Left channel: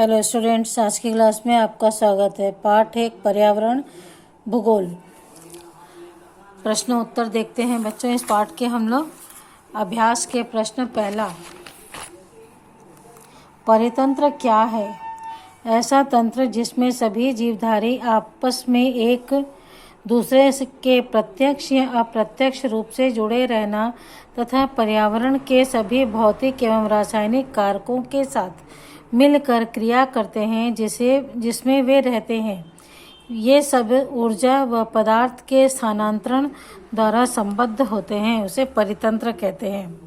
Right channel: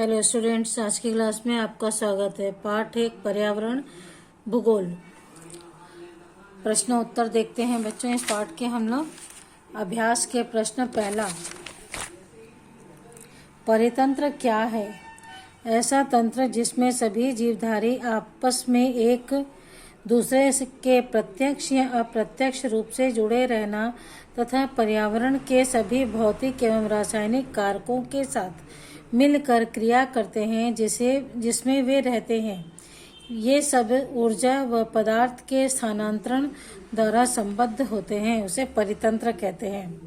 Hello students, आज की class में आपका स्वागत है। पाठ 1 पर्यावरण भूगोल। प्रश्न उत्तर देखते हैं बच्चों। इस पाठ के हम लोग अभ्यास के प्रश्न पहला, परितंत्र क्या है? ऐसा तंत्र जिसमें सभी जीवधारी आपस में एक दूसरे के प्रत्यक्ष या अप्रत्यक्ष रूप से जुड़े रहना तथा पर्यावरण के सभी भौतिक एवं रासायनिक कारकों के साथ मिलकर क्रिया करते हैं जिसमें वे रहते हैं। ये सब ऊर्जा व पदार्थ के स्थानांतरण द्वारा संबद्ध होते हैं, उसे परितंत्र कहते हैं।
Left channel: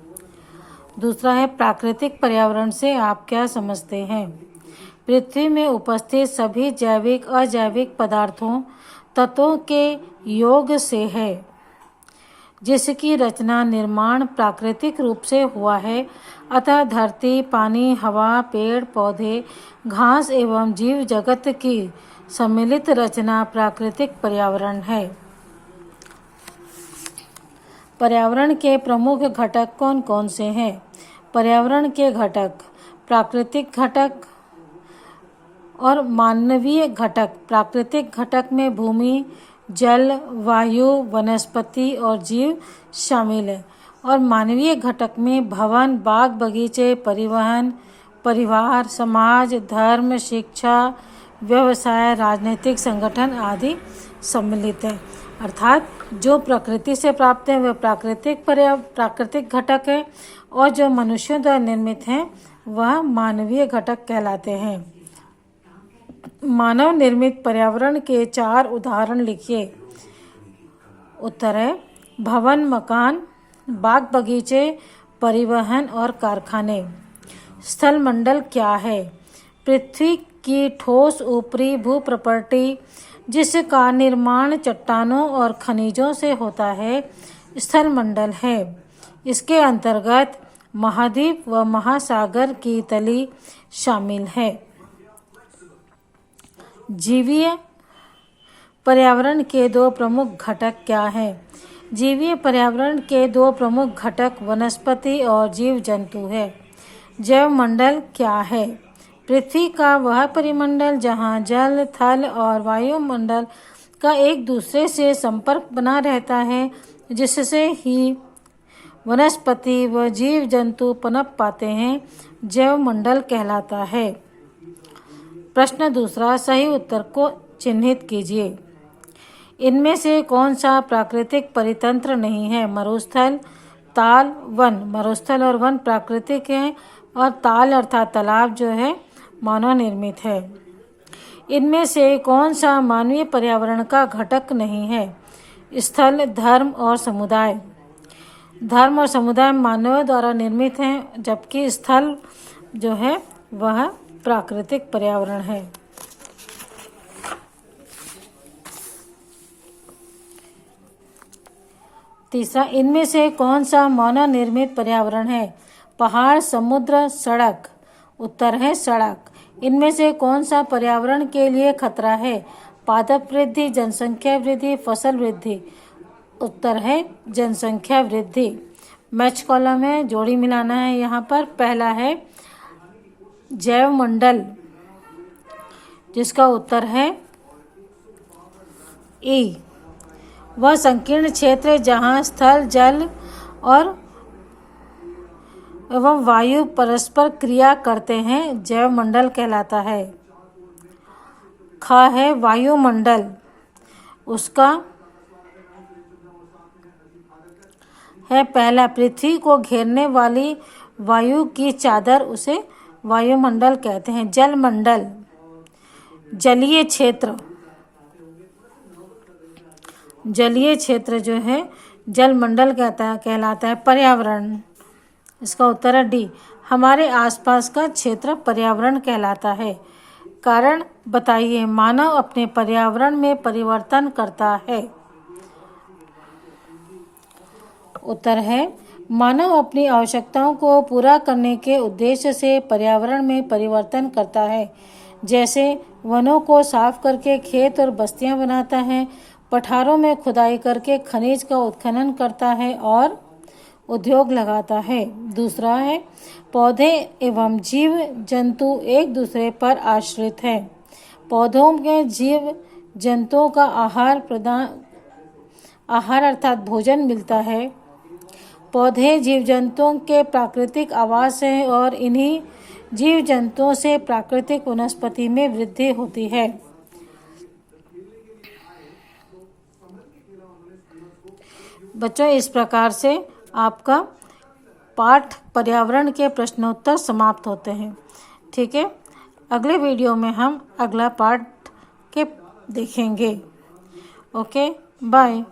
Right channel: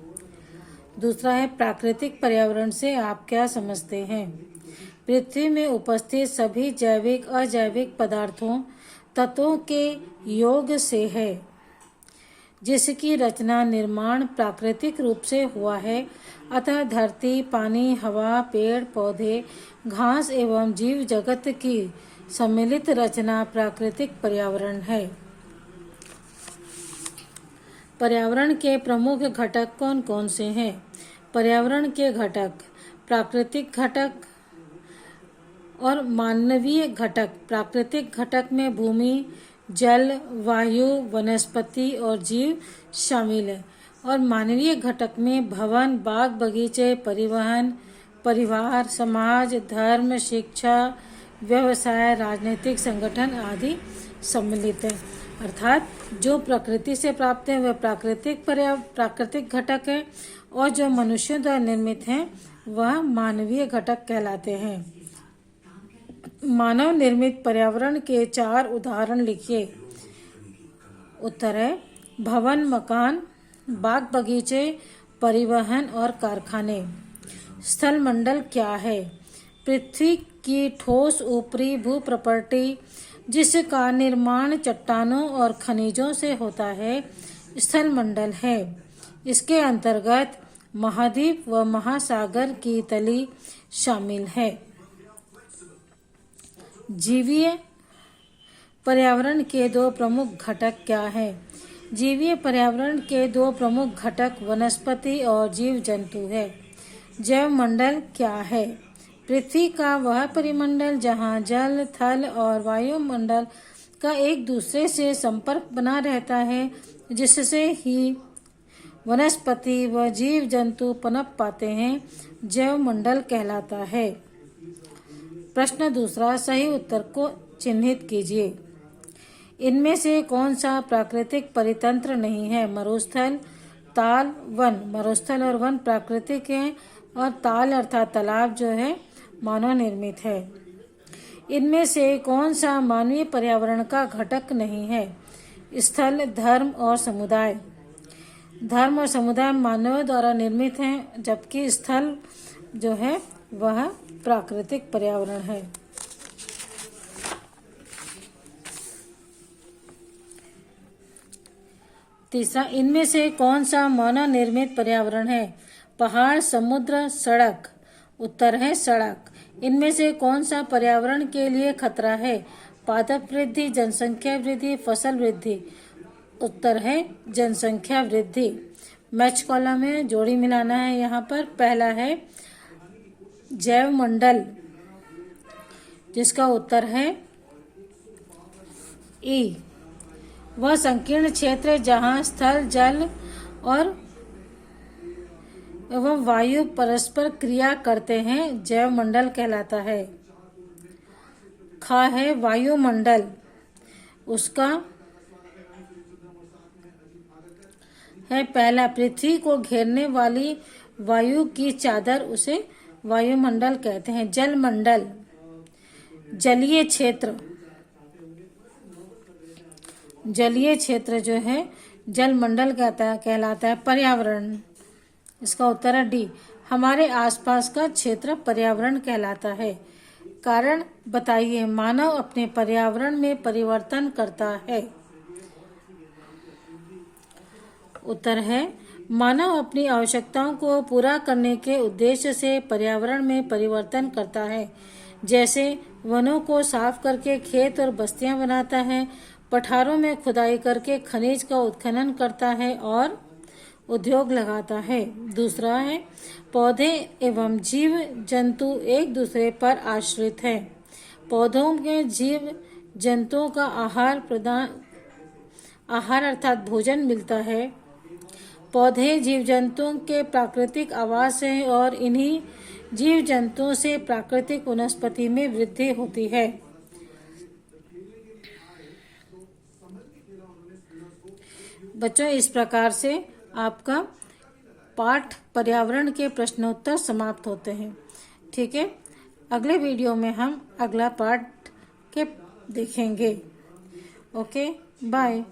दूसरा है, प्राकृतिक पर्यावरण से आप क्या समझते हैं? पृथ्वी में उपस्थित सभी जैविक अजैविक पदार्थों तत्वों के योग से है, जिसकी रचना निर्माण प्राकृतिक रूप से हुआ है। अतः धरती, पानी, हवा, पेड़ पौधे, घास एवं जीव जगत की सम्मिलित रचना प्राकृतिक पर्यावरण है। पर्यावरण के प्रमुख घटक कौन कौन से हैं? पर्यावरण के घटक, प्राकृतिक घटक और मानवीय घटक। प्राकृतिक घटक में भूमि, जल, वायु, वनस्पति और जीव शामिल है। और मानवीय घटक में भवन, बाग बगीचे, परिवहन, परिवार, समाज, धर्म, शिक्षा, व्यवसाय, राजनीतिक संगठन आदि सम्मिलित है। अर्थात जो प्रकृति से प्राप्त है वह प्राकृतिक घटक है, और जो मनुष्यों द्वारा निर्मित हैं वह मानवीय घटक कहलाते हैं। मानव निर्मित पर्यावरण के 4 उदाहरण लिखिए। उत्तर है, भवन, मकान, बाग बगीचे, परिवहन और कारखाने। स्थल मंडल क्या है? पृथ्वी की ठोस ऊपरी भूप्रपट्टी जिसका निर्माण चट्टानों और खनिजों से होता है, स्थल मंडल है। इसके अंतर्गत महाद्वीप व महासागर की तली शामिल है। जीवीय पर्यावरण के 2 प्रमुख घटक क्या हैं? जीवीय पर्यावरण के 2 प्रमुख घटक वनस्पति और जीव जंतु है। जैव मंडल क्या है? पृथ्वी का वह परिमंडल जहाँ जल, थल और वायुमंडल का एक दूसरे से संपर्क बना रहता है, जिससे ही वनस्पति व जीव जंतु पनप पाते हैं, जैव मंडल कहलाता है। प्रश्न दूसरा, सही उत्तर को चिन्हित कीजिए। इनमें से कौन सा प्राकृतिक परितंत्र नहीं है? मरुस्थल, ताल, वन। मरुस्थल और वन प्राकृतिक है, और ताल अर्थात तालाब जो है मानव निर्मित है। इनमें से कौन सा मानवीय पर्यावरण का घटक नहीं है? स्थल, धर्म और समुदाय। धर्म और समुदाय मानव द्वारा निर्मित हैं, जबकि स्थल जो है वह प्राकृतिक पर्यावरण है। तीसरा, इनमें से कौन सा मानव निर्मित पर्यावरण है? पहाड़, समुद्र, सड़क। उत्तर है सड़क। इनमें से कौन सा पर्यावरण के लिए खतरा है? पादप वृद्धि, जनसंख्या वृद्धि, फसल वृद्धि। उत्तर है जनसंख्या वृद्धि। मैच कॉलम में जोड़ी मिलाना है। यहाँ पर पहला है जैव मंडल, जिसका उत्तर है ई। वह संकीर्ण क्षेत्र जहाँ स्थल, जल और एवं वायु परस्पर क्रिया करते हैं, जैव मंडल कहलाता है। खा है वायुमंडल, उसका है पहला, पृथ्वी को घेरने वाली वायु की चादर, उसे वायुमंडल कहते हैं। जल मंडल, जलीय क्षेत्र। जलीय क्षेत्र जो है जल मंडल कहलाता है। पर्यावरण, इसका उत्तर है डी। हमारे आसपास का क्षेत्र पर्यावरण कहलाता है। कारण बताइए। मानव अपने पर्यावरण में परिवर्तन करता है। उत्तर है, मानव अपनी आवश्यकताओं को पूरा करने के उद्देश्य से पर्यावरण में परिवर्तन करता है। जैसे वनों को साफ करके खेत और बस्तियां बनाता है, पठारों में खुदाई करके खनिज का उत्खनन करता है और उद्योग लगाता है। दूसरा है पौधे एवं जीव जंतु एक दूसरे पर आश्रित हैं। पौधों के जीव जंतुओं का आहार अर्थात भोजन मिलता है। पौधे जीव जंतुओं के प्राकृतिक आवास हैं और इन्हीं जीव जंतुओं से प्राकृतिक वनस्पति में वृद्धि होती है। बच्चों, इस प्रकार से आपका पाठ पर्यावरण के प्रश्नोत्तर समाप्त होते हैं। ठीक है, अगले वीडियो में हम अगला पाठ के देखेंगे। Okay, bye.